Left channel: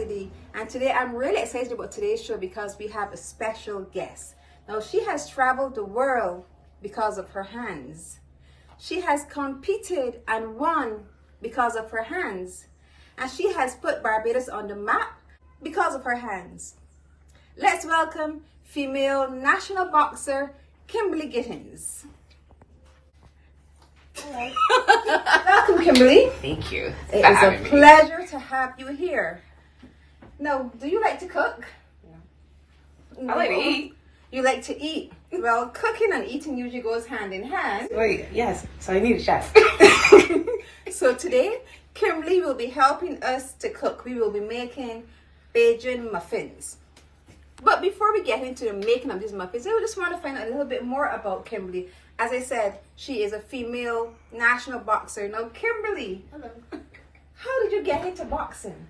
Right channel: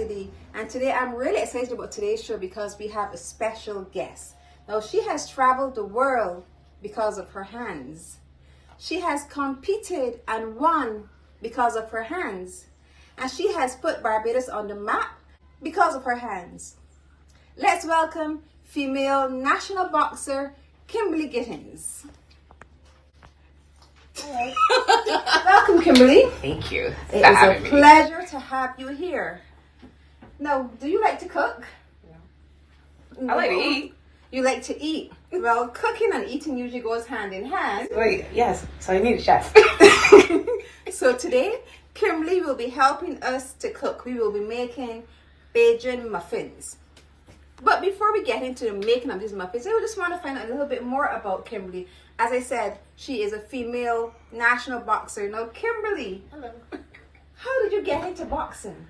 Ltd, and today I'm really excited about today's show because we have a special guest. Now, she has traveled the world because of her hands. She has competed and won because of her hands, and she has put Barbados on the map because of her hands. Let's welcome female national boxer Kimberly Gittens. Hello. Welcome, Kimberly. Thank you. It is a pleasure to have you here. Now, do you like to cook? No. I like to eat. You like to eat. Well, cooking and eating usually goes hand in hand. Wait, yes. So you need a chef. So today, Kimberly will be helping us to cook. We will be making BAJAN muffins. But before we get into the making of these muffins, I just want to find out a little bit more about Kimberly. As I said, she is a female national boxer. Now, Kimberly, hello. How did you get into boxing?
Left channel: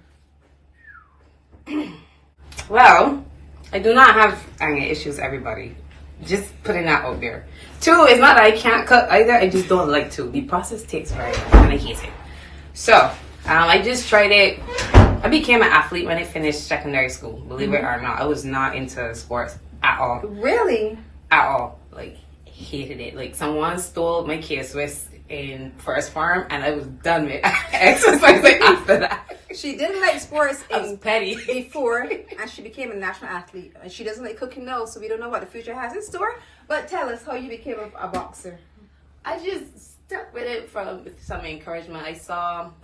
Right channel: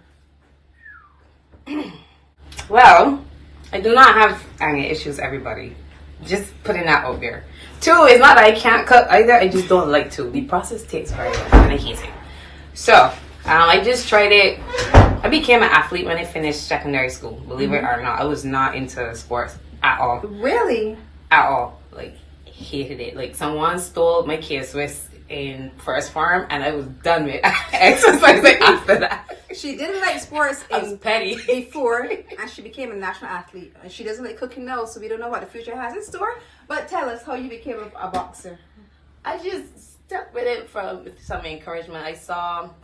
Well, I do not have anger issues, everybody. Just putting that out there. Two, it's not that I can't cook either. I just don't like to. The process takes very long and I hate it. So, I just tried it. I became an athlete when I finished secondary school. Believe it or not, I was not into sports at all. Really? At all. Like, hated it. Like, someone stole my K-Swiss in first farm and I was done with exercising after that. She didn't like sports petty before, and she became a national athlete. And she doesn't like cooking now, so we don't know what the future has in store. But tell us how you became a boxer. I just stuck with it from some encouragement. I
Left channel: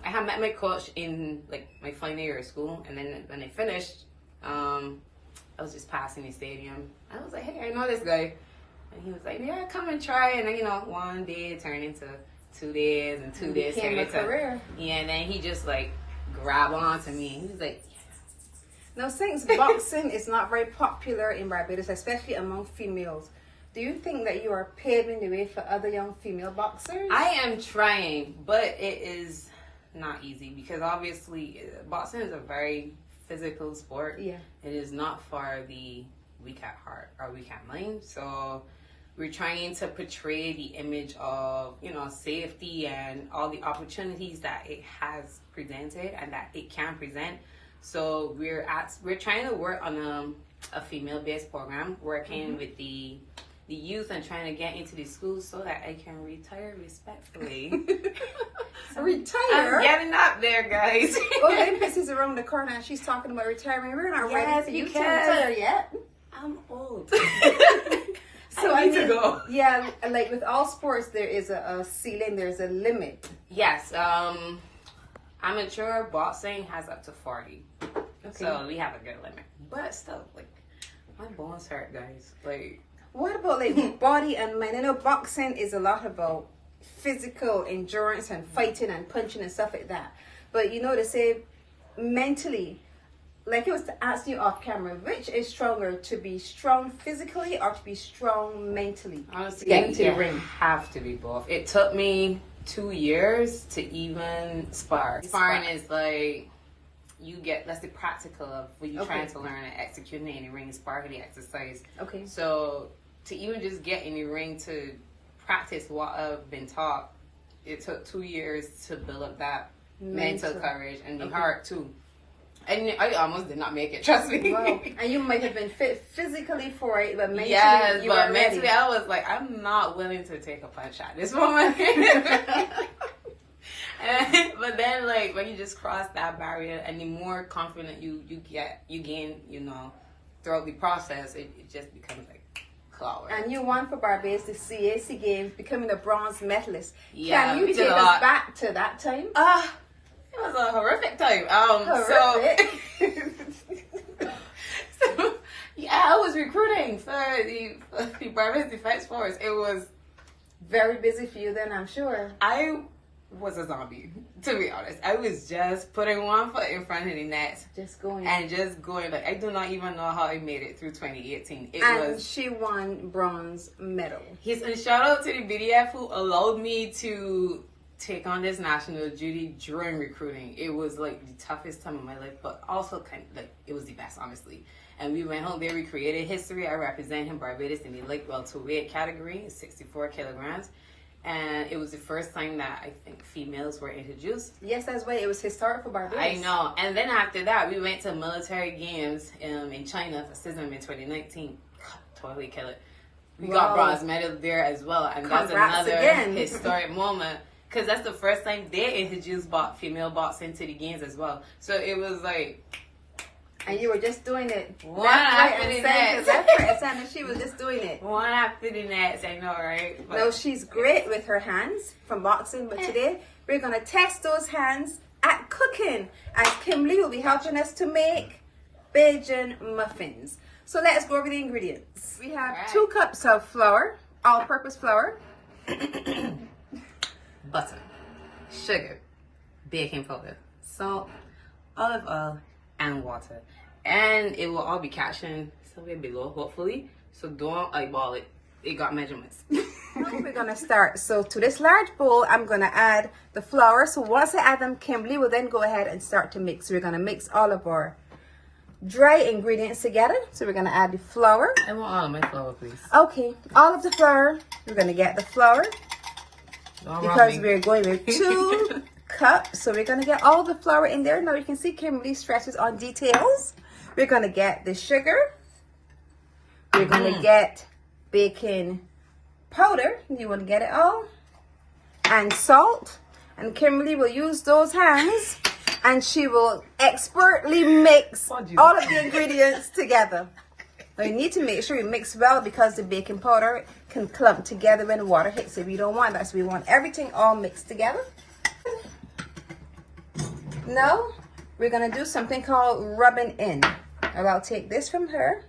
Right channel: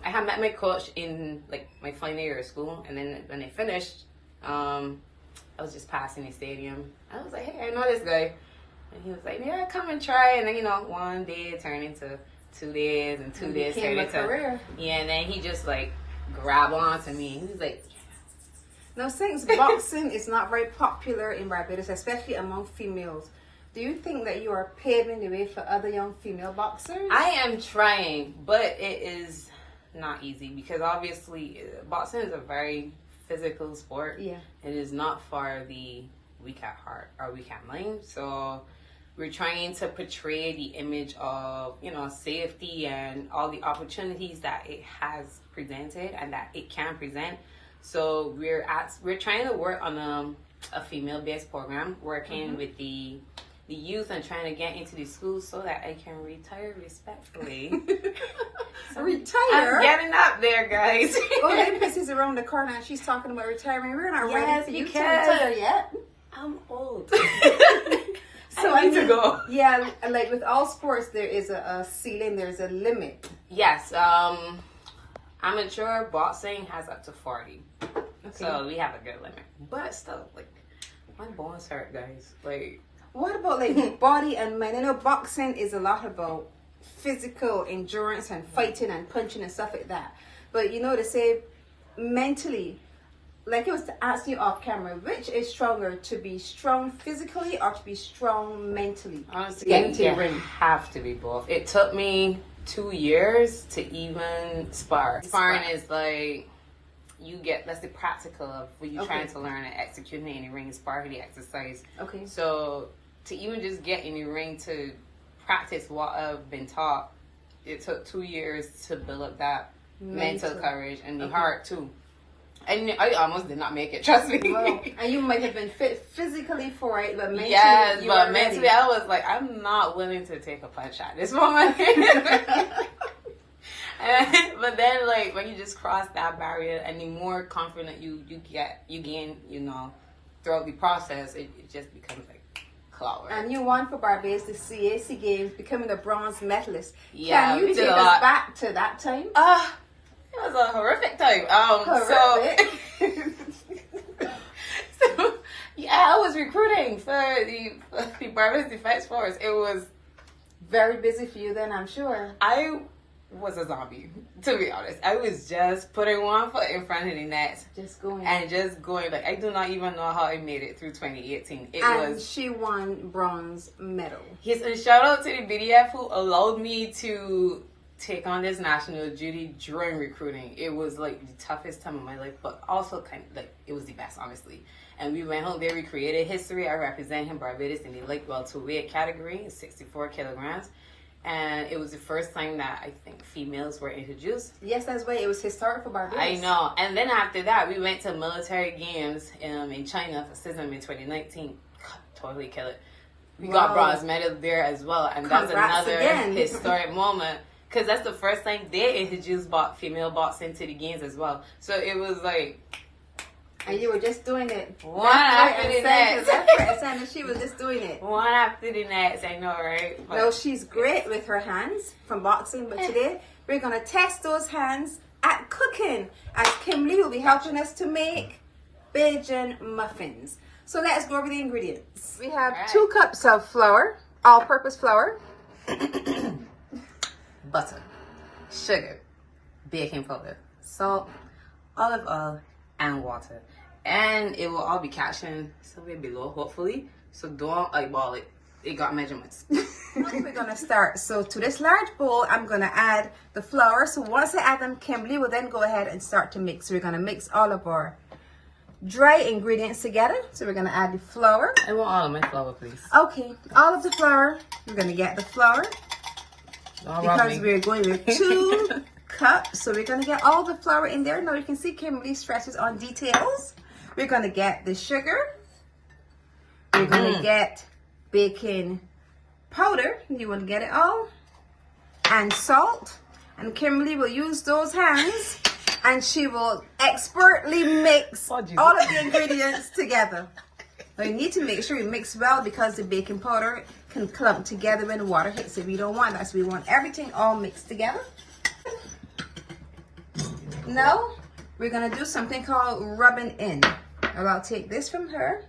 had met my coach in like my final year of school, and then when I finished, I was just passing the stadium. I was like, hey, I know this guy. And he was like, yeah, come and try. And then, one day turned into 2 days, and 2 days turned into career. Yeah, and then he just like grabbed onto me. He was like, now, since boxing is not very popular in Barbados, especially among females, do you think that you are paving the way for other young female boxers? I am trying, but it is not easy because obviously boxing is a very physical sport. Yeah. It is not for the weak at heart or weak at mind. So we're trying to portray the image of, safety and all the opportunities that it has presented and that it can present. So we're trying to work on a female-based program, working with the youth and trying to get into the schools so that I can retire respectfully. Retire? I'm getting up there, guys. Olympics is around the corner and she's talking about retirement. We're not ready for you to retire yet. I'm old. So I need to go. Yeah, like with all sports, there is a ceiling, there's a limit. Yes, amateur boxing has up to 40. Okay. So we have a good limit. But still, like, my bones hurt, guys. Like, what about like body and mind? I know boxing is a lot about physical endurance and fighting and punching and stuff like that. But they say mentally, like it was to ask you off camera, which is stronger, to be strong physically or to be strong mentally? Honestly, you have to be both. It took me 2 years to even spar. Sparring is like, that's the practical of what you're trying to learn and executing in the ring. Sparring the exercise. Okay. So to even just get in the ring to practice what I've been taught, it took 2 years to build up that mental courage and the heart too. And I almost did not make it, trust me. Wow. And you might have been fit physically for it, but mentally mentally I was like, I'm not willing to take a punch at this moment. But then, like, when you just cross that barrier and the more confident you gain, throughout the process, it just becomes like cloud. And you won for Barbados the CAC Games, becoming a bronze medalist. Yeah, can you take us back to that time? It was a horrific time. Horrific. So, I was recruiting for the Barbados Defense Force. It was very busy for you then, I'm sure. I was a zombie, to be honest. I was just putting one foot in front of the next. Just going. Like, I do not even know how I made it through 2018. She won bronze medal. Yes, and shout out to the BDF who allowed me to take on this national duty during recruiting. It was like the toughest time of my life, but also kind of like it was the best, honestly. And we went home there, we created history. I represented Barbados in the light welterweight category, 64 kilograms. And it was the first time that I think females were introduced. Yes, that's why it was historic for Barbados. I know. And then after that, we went to military games in China for CISM in 2019. Totally kill it. We got bronze medal there as well. And that's another historic moment. Because that's the first time they introduced female boxing to the games as well. So it was like... And you were just doing it. One after the next. And she was just doing it. One after the next, I know, right? But no, she's great with her hands from boxing. But today, we're going to test those hands at cooking. And Kimberly will be helping us to make BAJAN muffins. So let's go over the ingredients. We have 2 cups of flour, all-purpose flour. Butter, sugar, baking powder, salt, olive oil, and water. And it will all be captioned somewhere below, hopefully. So don't eyeball it. It got measurements. We're going to start. So to this large bowl, I'm going to add the flour. So once I add them, Kimberly will then go ahead and start to mix. So we're going to mix all of our dry ingredients together. So we're going to add the flour. I want all of my flour, please. Okay, all of the flour. We're going to get the flour. Because we're going with 2 cups. So we're going to get all the flour in there. Now you can see Kimberly stresses on details. We're going to get the sugar. We're going to get baking powder. You want to get it all. And salt. And Kimberly will use those hands. And she will expertly mix all of the ingredients together. Now you need to make sure you mix well because the baking powder can clump together when the water hits it. We don't want that. So we want everything all mixed together. Now we're going to do something called rubbing in. I'll take this from her.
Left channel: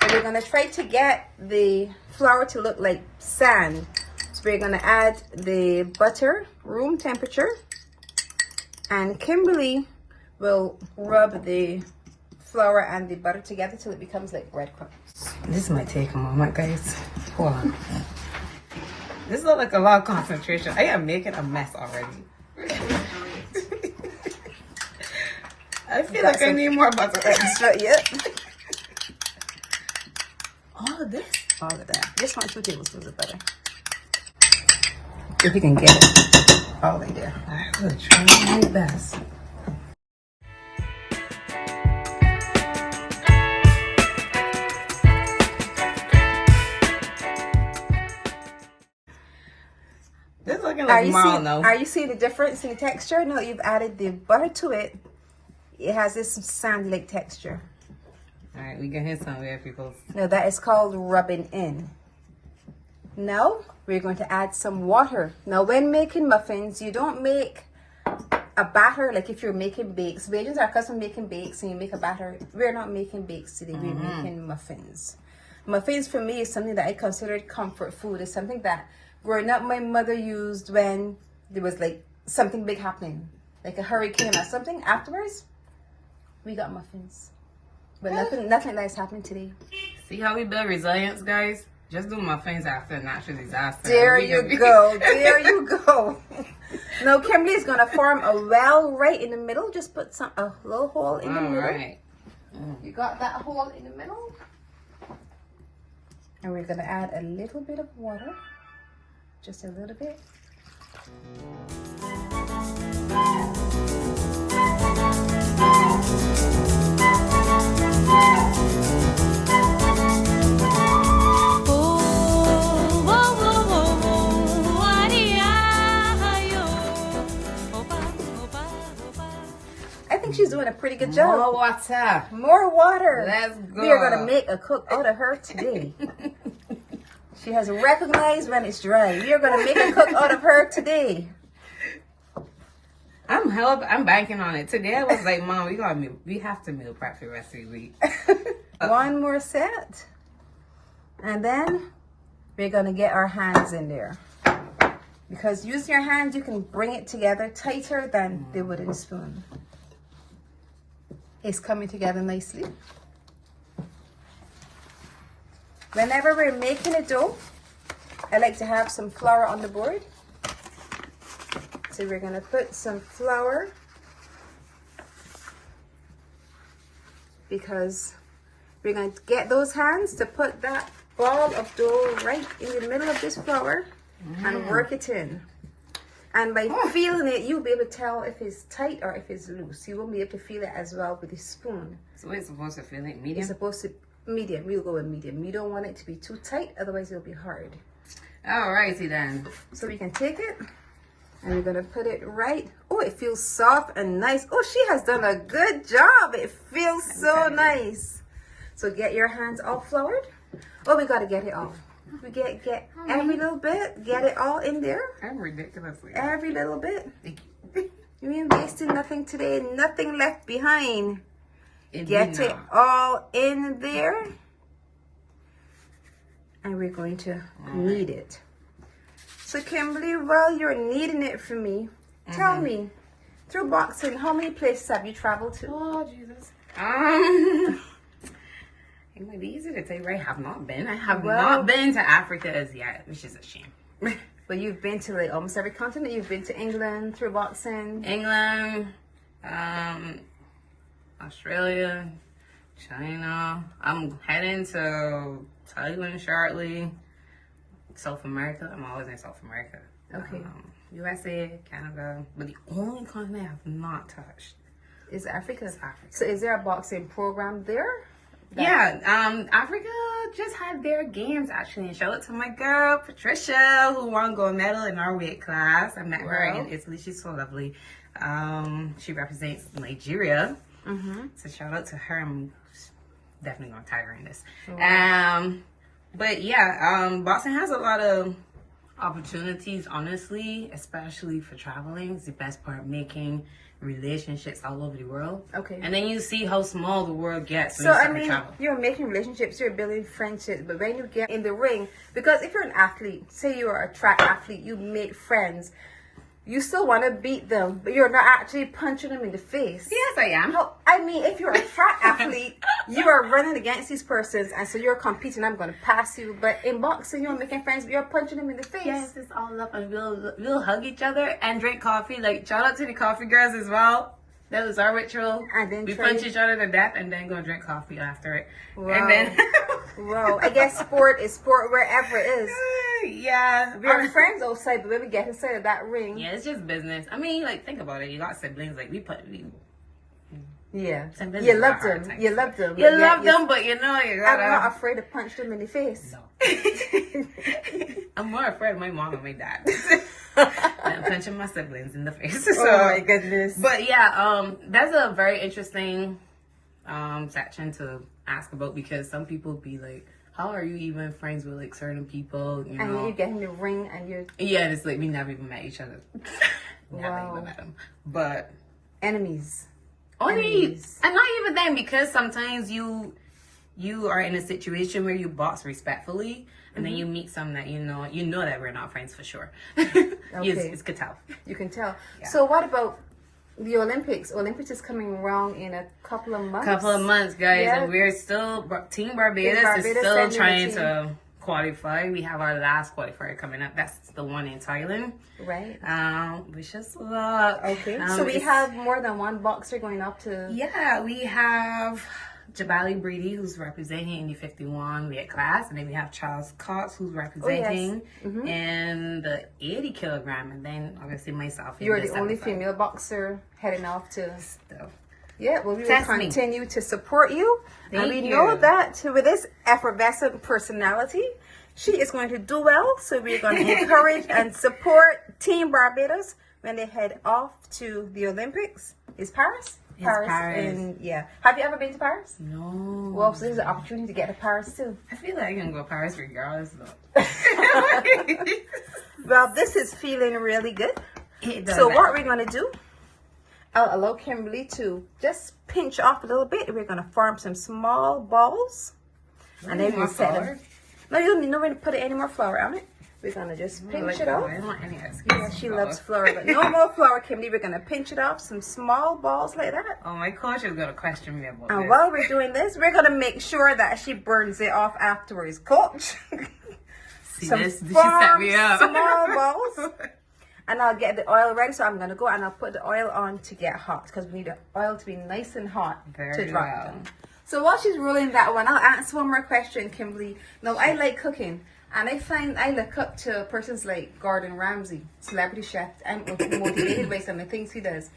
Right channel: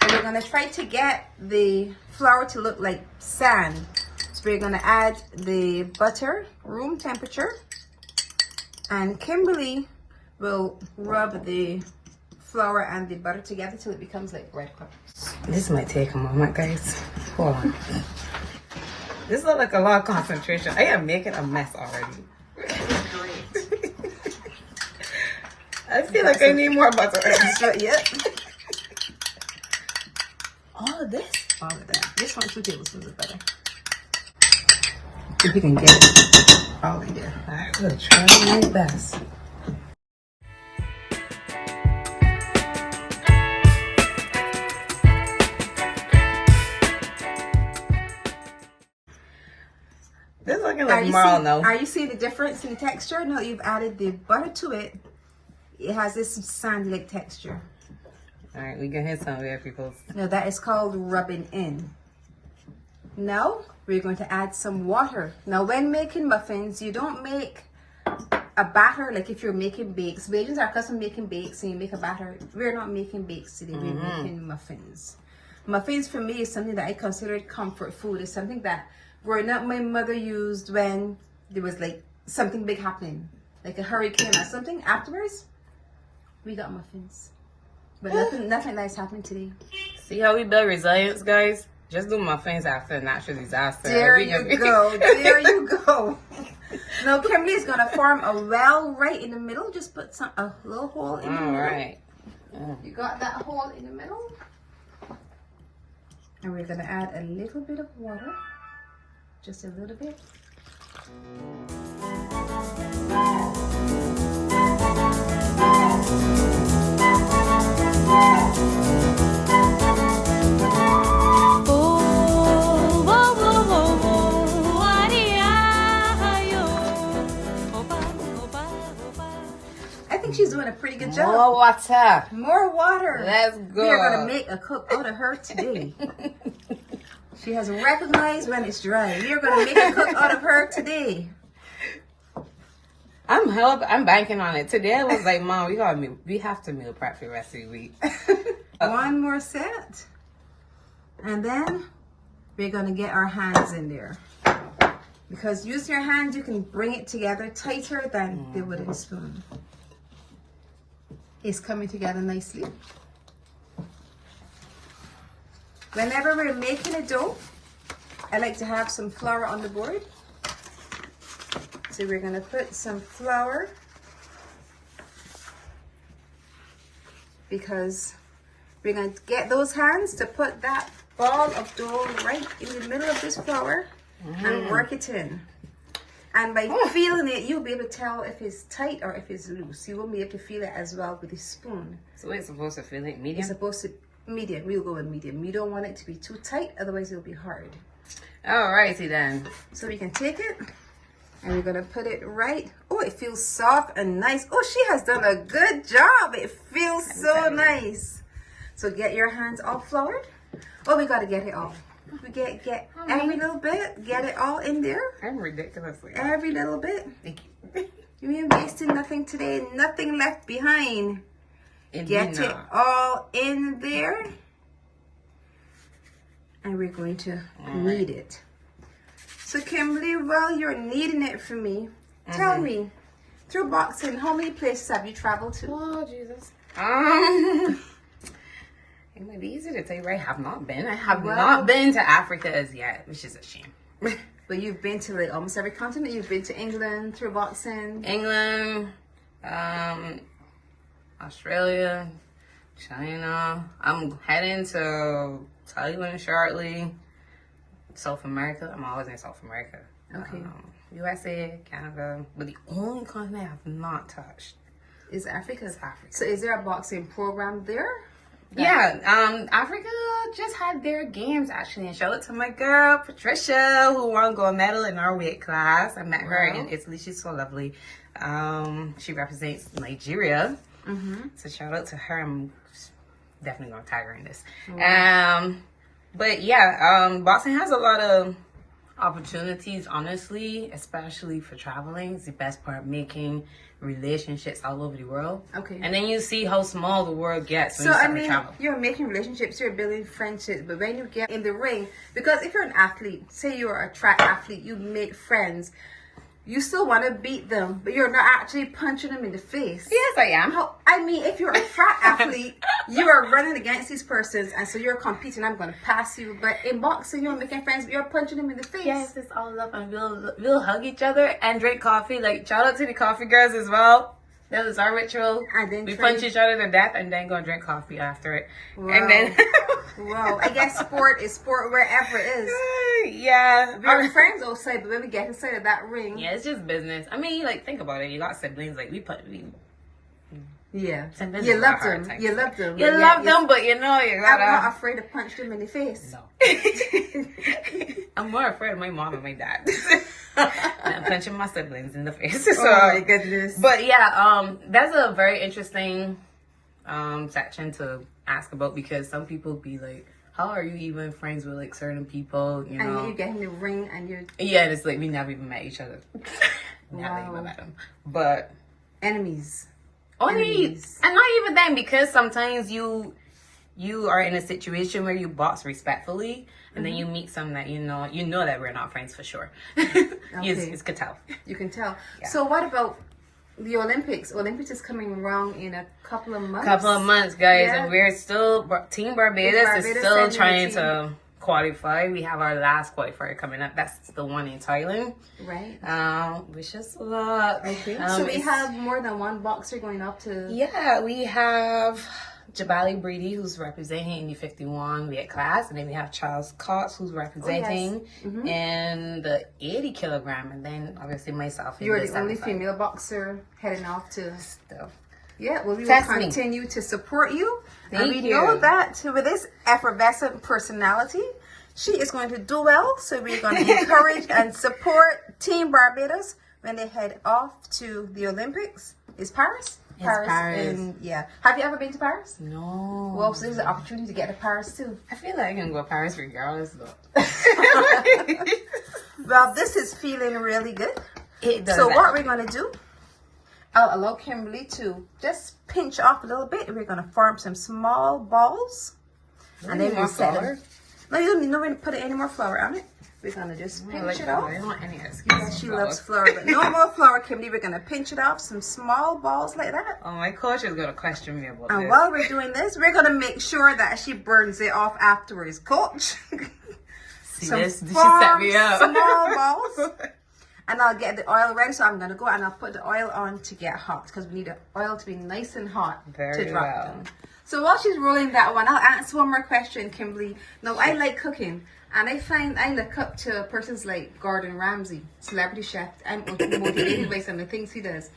And we're going to try to get the flour to look like sand. So we're going to add the butter, room temperature. And Kimberly will rub the flour and the butter together till it becomes like breadcrumbs. This might take a moment, guys. Hold on. This looks like a lot of concentration. I am making a mess already. I feel like I need more butter. Yep. All of this? All of that. This one 2 tablespoons of butter. If you can get it all in there. I will try my best. This looking like marl now. Are you seeing the difference in the texture? No, you've added the butter to it. It has this sand-like texture. All right, we can hit some there, people. No, that is called rubbing in. Now, we're going to add some water. Now, when making muffins, you don't make a batter like if you're making bakes. Bajans are custom making bakes and you make a batter. We're not making bakes today. We're making muffins. Muffins for me is something that I considered comfort food. It's something that growing up my mother used when there was like something big happening, like a hurricane or something. Afterwards, we got muffins. But nothing nice happening today. See how we build resilience, guys? Just do muffins after a natural disaster. There you go. There you go. Now, Kimberly is going to form a well right in the middle. Just put a little hole in the middle. All right. You got that hole in the middle? And we're going to add a little bit of water. Just a little bit. I think she's doing a pretty good job. More water. More water. Let's go. We are going to make a cook out of her today. She has recognized when it's dry. We are going to make a cook out of her today. I'm banking on it. Today I was like, Mom, we have to meal prep for the rest of the week. One more set. And then we're going to get our hands in there. Because using your hands, you can bring it together tighter than the wooden spoon. It's coming together nicely. Whenever we're making a dough, I like to have some flour on the board. So we're going to put some flour because we're going to get those hands to put that ball of dough right in the middle of this flour and work it in. And by feeling it, you'll be able to tell if it's tight or if it's loose. You won't be able to feel it as well with a spoon. So it's supposed to feel like medium? It's supposed to medium. We'll go with medium. We don't want it to be too tight, otherwise it'll be hard. Alrighty then. So we can take it and we're gonna put it right. Oh, it feels soft and nice. Oh, she has done a good job. It feels so nice. So get your hands all floured. Oh, we gotta get it all. We get every little bit. Get it all in there. I'm ridiculously. Every little bit. Thank you. You ain't wasting nothing today. Nothing left behind. Get it all in there. And we're going to knead it. So Kimberly, while you're kneading it for me, tell me, through boxing, how many places have you traveled to? Oh, Jesus. It might be easy to tell you where I have not been. I have not been to Africa as yet, which is a shame. But you've been to like almost every continent. You've been to England through boxing. England, Australia, China. I'm heading to Thailand shortly. South America. I'm always in South America. Okay. USA, Canada. But the only continent I have not touched is Africa. It's Africa. So is there a boxing program there? Yeah, Africa just had their games actually, and shout out to my girl Patricia who won gold medal in our weight class. I met her in Italy. She's so lovely. She represents Nigeria, so shout out to her. I'm definitely gonna tag her in this. But yeah, boxing has a lot of opportunities, honestly, especially for traveling. It's the best part, making relationships all over the world. Okay. And then you see how small the world gets when you start to travel. You're making relationships, you're building friendships, but when you get in the ring, because if you're an athlete, say you're a track athlete, you make friends, you still want to beat them, but you're not actually punching them in the face. Yes, I am. I mean, if you're a track athlete, you are running against these persons, and so you're competing. I'm going to pass you. But in boxing, you're making friends, but you're punching them in the face. Yes, it's all love, and we'll hug each other and drink coffee. Like, shout out to the coffee girls as well. That was our ritual. And then we punch each other to death and then go and drink coffee after it. Wow. And then wow. I guess sport is sport wherever it is. Yeah. We're friends outside, but when we get inside of that ring. Yeah, it's just business. I mean, like, think about it. You got siblings. Like, yeah. You love them. You love them. You love them, but you know, you gotta. I'm not afraid to punch them in the face. No. I'm more afraid of my mom and my dad. I'm punching my siblings in the face. So, oh my goodness. But yeah, that's a very interesting section to ask about, because some people be like, how are you even friends with like certain people, you know? And then you get in the ring and you're... Yeah, it's like we never even met each other. Never even met them. But... Enemies. Enemies. And not even then, because sometimes you are in a situation where you box respectfully, and then you meet some that you know that we're not friends for sure. Okay. You can tell. You can tell. Yeah. So what about the Olympics? Olympics is coming around in a couple of months. Guys, yeah. And we're still Team Barbados is still trying to qualify. We have our last qualifier coming up. That's the one in Thailand. Right. Wish us luck. Okay. So we have more than one boxer going up to... Yeah, we have Jabali Breedy, who's representing in the 51 weight class, and then we have Charles Cox, who's representing in the 80 kilogram, and then obviously myself. You're the only female boxer heading off to... Still. Yeah, well, we will continue to support you. And we know that with this effervescent personality, she is going to do well. So we're going to encourage and support Team Barbados when they head off to the Olympics. Is Paris? Paris. Have you ever been to Paris? No. Well, so there's an opportunity to get to Paris too. I feel like I can go to Paris regardless though. Well, this is feeling really good. So what we're going to do, I'll allow Kimberly to just pinch off a little bit. We're going to form some small balls. And then we'll set them. No, you don't need to put any more flour on it. We're going to just pinch it off. I don't want any excuses. Yeah, she loves flour, but no more flour, Kimberly. We're going to pinch it off, some small balls like that. Oh, my coach is going to question me about and this. While we're doing this, we're going to make sure that she burns it off afterwards. Coach. See this? She set me up. Small balls. And I'll get the oil ready, so I'm going to go and I'll put the oil on to get hot, because we need the oil to be nice and hot to drop in. So while she's rolling that one, I'll answer one more question, Kimberly. Now, I like cooking, And I find I look up to persons like Gordon Ramsay, celebrity chef. I'm motivated by some of the things he does.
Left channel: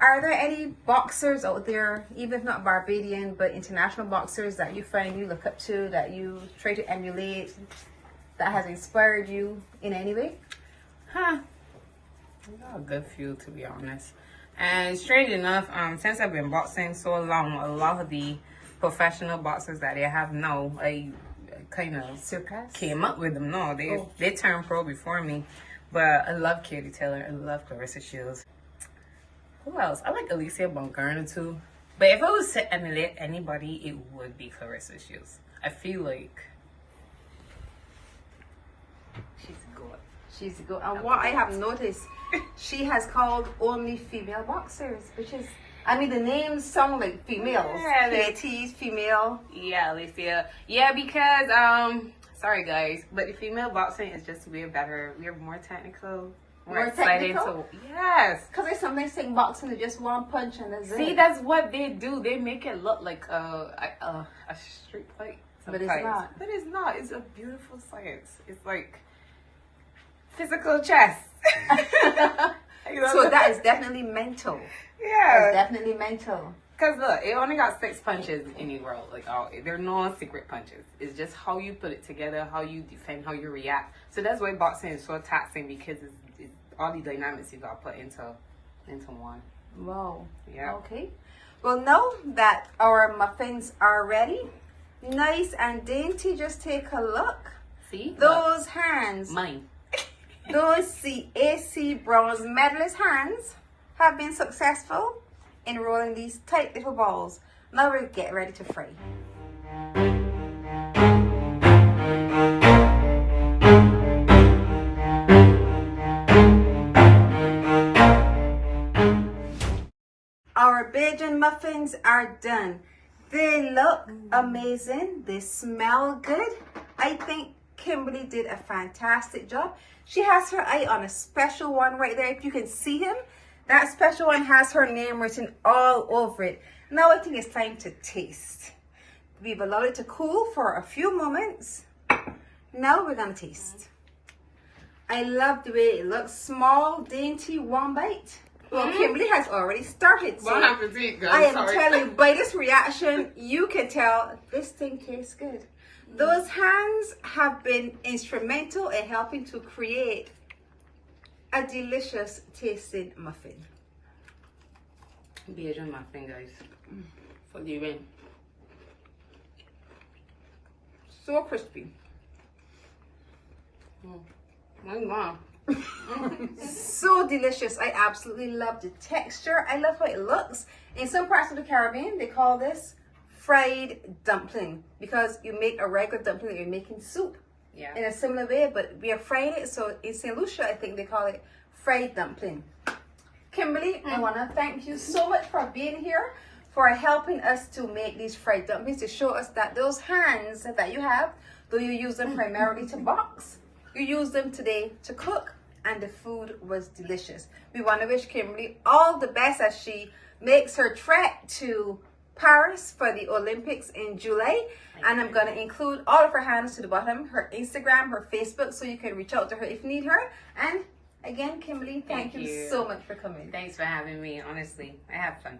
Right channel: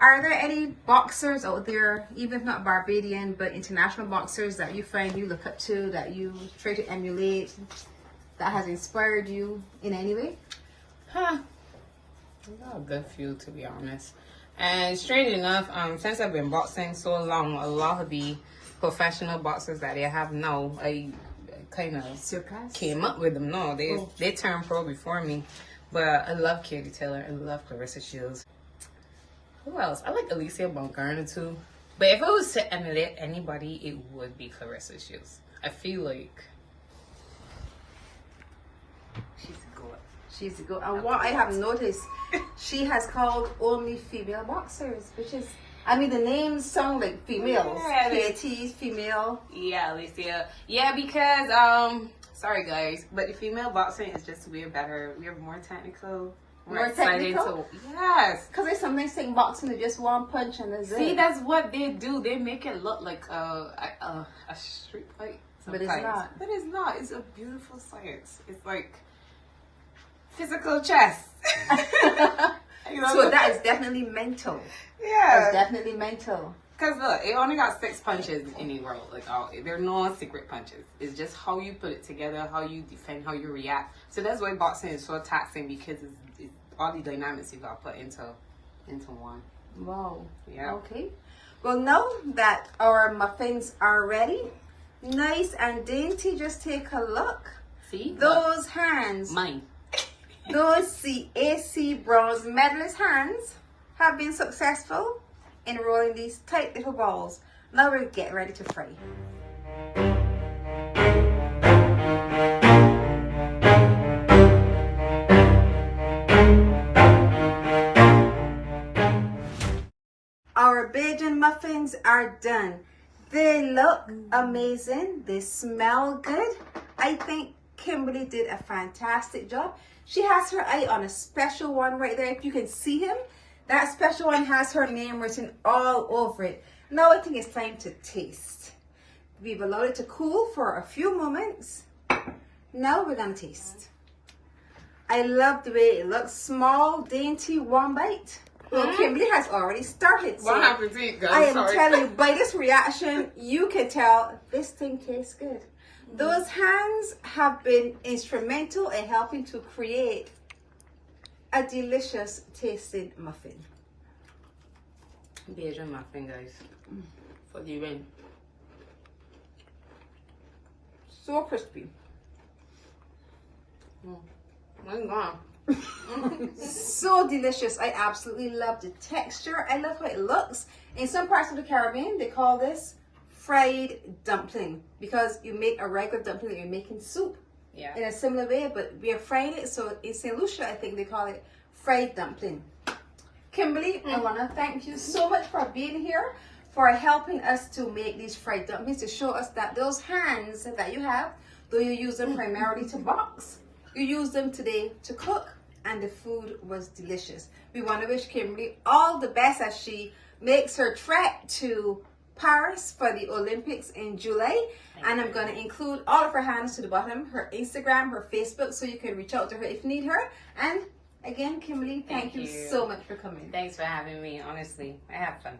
Are there any boxers out there, even if not Barbadian, but international boxers that you find you look up to, that you try to emulate, that has inspired you in any way? I got a good few, to be honest. And strange enough, since I've been boxing so long, a lot of the professional boxers that they have now, I kind of came up with them. No, they turned pro before me. But I love Katie Taylor. I love Clarissa Shields. Who else? I like Alicia Baumgartner too. But if I was to emulate anybody, it would be Clarissa Shields. I feel like she's good. She's good. And what I have noticed, she has called only female boxers, which is, I mean, the names sound like females. Yeah, Katie's female. Yeah, Alicia. Yeah, because sorry guys, but the female boxing is just way better. We are more technical. More technical? Yes. Because they sometimes think boxing is just one punch and that's See, it. that's what they do. They make it look like a street fight sometimes. But it's not. But it's not. It's a beautiful science. It's like physical chess. So that is definitely mental. Yeah. That's definitely mental. Because look, it only got 6 punches in the world. Like, there are no secret punches. It's just how you put it together, how you defend, how you react. So that's why boxing is so taxing, because it's all the dynamics you got to put into one. Wow. Yeah. Okay. Well, now that our muffins are ready, nice and dainty, just take a look. See? Those hands. Mine. Those CAC bronze medalist hands have been successful in rolling these tight little balls. Now we'll get ready to fry. Our BAJAN muffins are done. They look amazing. They smell good. I think Kimberly did a fantastic job. She has her eye on a special one right there. If you can see him, that special one has her name written all over it. Now I think it's time to taste. We've allowed it to cool for a few moments. Now we're gonna taste. I love the way it looks. Small, dainty, one bite. Well, Kimberly has already started. So Bon appetit, guys. I am telling you, by this reaction, you can tell this thing tastes good. Those hands have been instrumental in helping to create a delicious tasting muffin. BAJAN muffin, guys. For the win. So crispy. I'm gone. So delicious. I absolutely love the texture. I love how it looks. In some parts of the Caribbean, they call this fried dumpling, because you make a regular dumpling, you're making soup in a similar way, but we are frying it. So in St. Lucia, I think they call it fried dumpling. Kimberly, I want to thank you so much for being here, for helping us to make these fried dumplings, to show us that those hands that you have, though you use them primarily to box, you use them today to cook, and the food was delicious. We want to wish Kimberly all the best as she makes her trek to Paris for the Olympics in July. And I'm going to include all of her hands to the bottom, her Instagram, her Facebook, so you can reach out to her if you need her. And again, Kimberly, thank you so much for coming. Thanks for having me. Honestly, I had fun.